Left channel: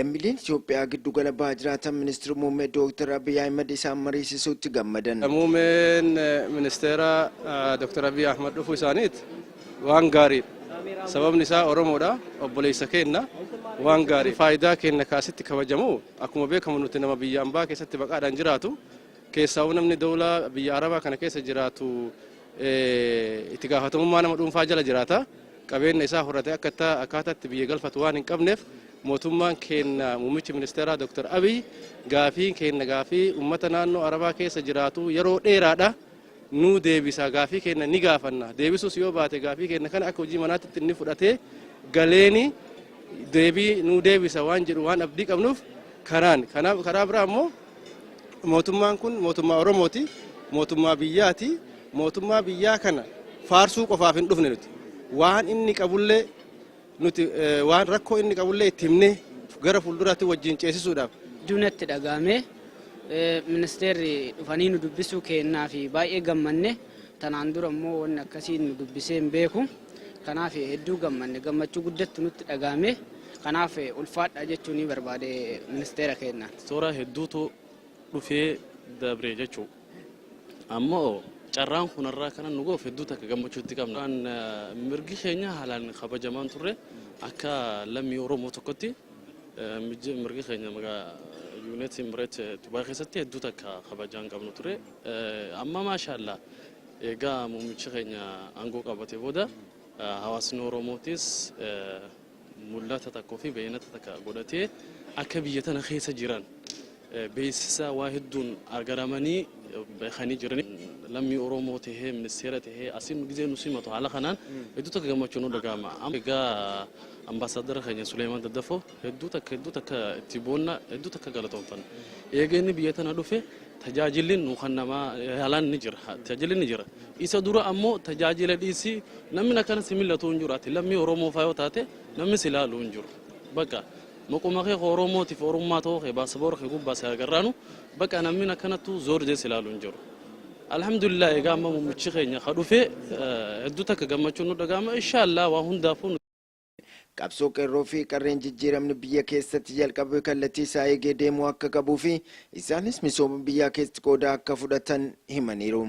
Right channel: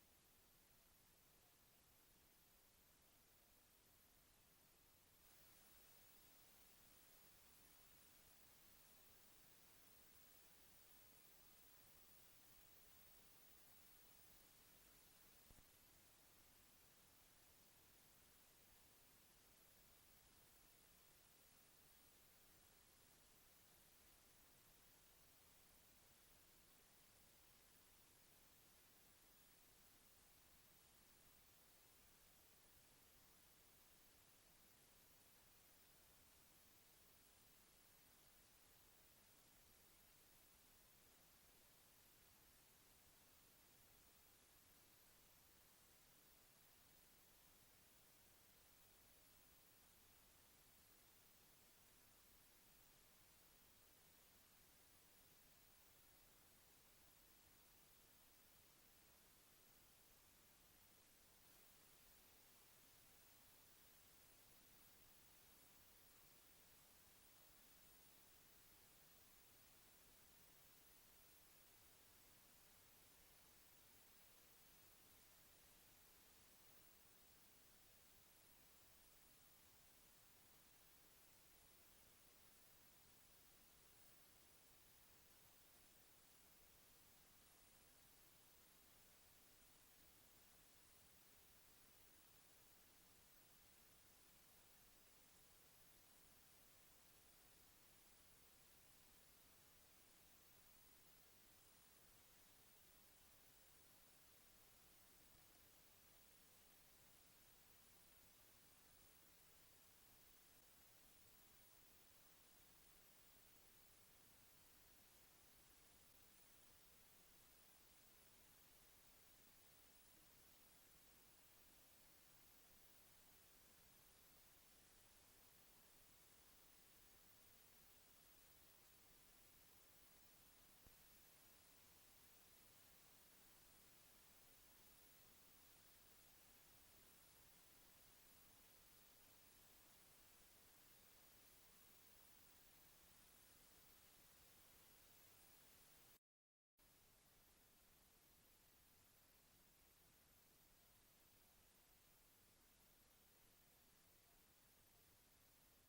lammiileen Itoophiyaa giddu gala baajiraatan ministeera muummee Dr. Abiy Ahmed isaan mariisisuutti gammadan. Muummeen ministeera Dr. Abiy Ahmed dhufuu isaaniit waan gaarii. Sababni isaa Oromoodha, obboleessa keenya waan gaarii. Faayidaa keenya kaasitti kabajamu akkuma beekamu nuti nama biyya ambaa keessatti baqaadhaan jiraatu keessaa namni dawlaa biyya Arabaa kana keessa jiraatu itti gaafatamummaa nama dhuunfaa jala jiraata. Qabeenya isaa horatee akkaataatti biyya galfatu waan hin qabneef mootummaan keenya muummichi ministeeraa Dr. Abiy gaafii keenya gaafii uummata naannoo Arabaa keessa jiraatu yeroo dheeraadha nu deebisa gaafii keenya ni gaafanna. Deebisuus yoo baate gaafii keenya kana akka hojii manaatti inni fudhatee galeeni deebii nu deebisa waan jedhu waan abdii qabnuuf karaa biraa immoo mootummaan kun mootummaa Oromooti, mootummaa biyyaati. Mootummaa biyyaa kana faarsuu qofaaf hin dhufne nuti. Waan inni qabullee nuti waan rakkoo inni qabullee itti himnee gara fuulduraatti wajjin ceesisuudhaaf duunatti dhagaame ministeerri dhufanii nu dubbisuu kennaa fi baay'ee gammanne tanaan dura immoo wanni akkasii nu dubbisee hin beeku. Kanaaf hedduu gammanne gammachuu guddatti nutti dhagaame. Kanaaf ulfaadha jechuun ni barbaade ministeera keenya. Toora hedduutu dhufee dabree jechuu. Ammoo carraan kunarraa kana nu goof hedduu takka gammachuutti qabna. Mirgi keenya haalaan kabajamaan turre akka lammii Oromoo tokkotti mirgi keenya Yuunaayitid Imereet Dubaay keessatti hedduu takka kabajaan qabnu ture. Amma maashaallah egaa muummichi keenya aangoo qabatee booda hawaasni Oromootis mul'ata tokkoo fi beeynata takka godhatee akka biyya tana keessa jiran beeksisa waa hedduun agaramanii beekanii jiran. Lammii Oromoo tahee ministeera tahee asiin gizee nu simatu haala kanaan hedduu takka gammachuu nu dhagahama. Egaa ambaasaadara keenya Suleymaan Daddafoo hedduu takka itti boonna hedduu takka galatoomtan. Egaa inni biyya tana dhufe tajaajilli nu kan namaa haalaan ni jira. Tajaajilli ni jira. Isa dura ammoo tajaajila dhiisii namni akkana similatu hin jiru. Ati lammii Oromoo fa'aa yoo taate namni si ilaalu hin jiru. Bakka maquma kee Oromootiif Oromummaa ta'uu kee baasaboora kee gubbaa si agarraanu bakka namni akkanatu zoor jee si ilaalu hin jiru. Alhamdulillah egaa amma muummichi keenya kadhufe hedduu takka gammachuu nu dhagahama. Inshallah waa hundaafuu qabsoo qeerroo fi qarreen jijjiiramni biyya keessatti jalqabe kallattii isaa eegee deemuu akka qabuu fi isaanis misooma biyyaa keessatti qooda akka fudhatan himaniiru.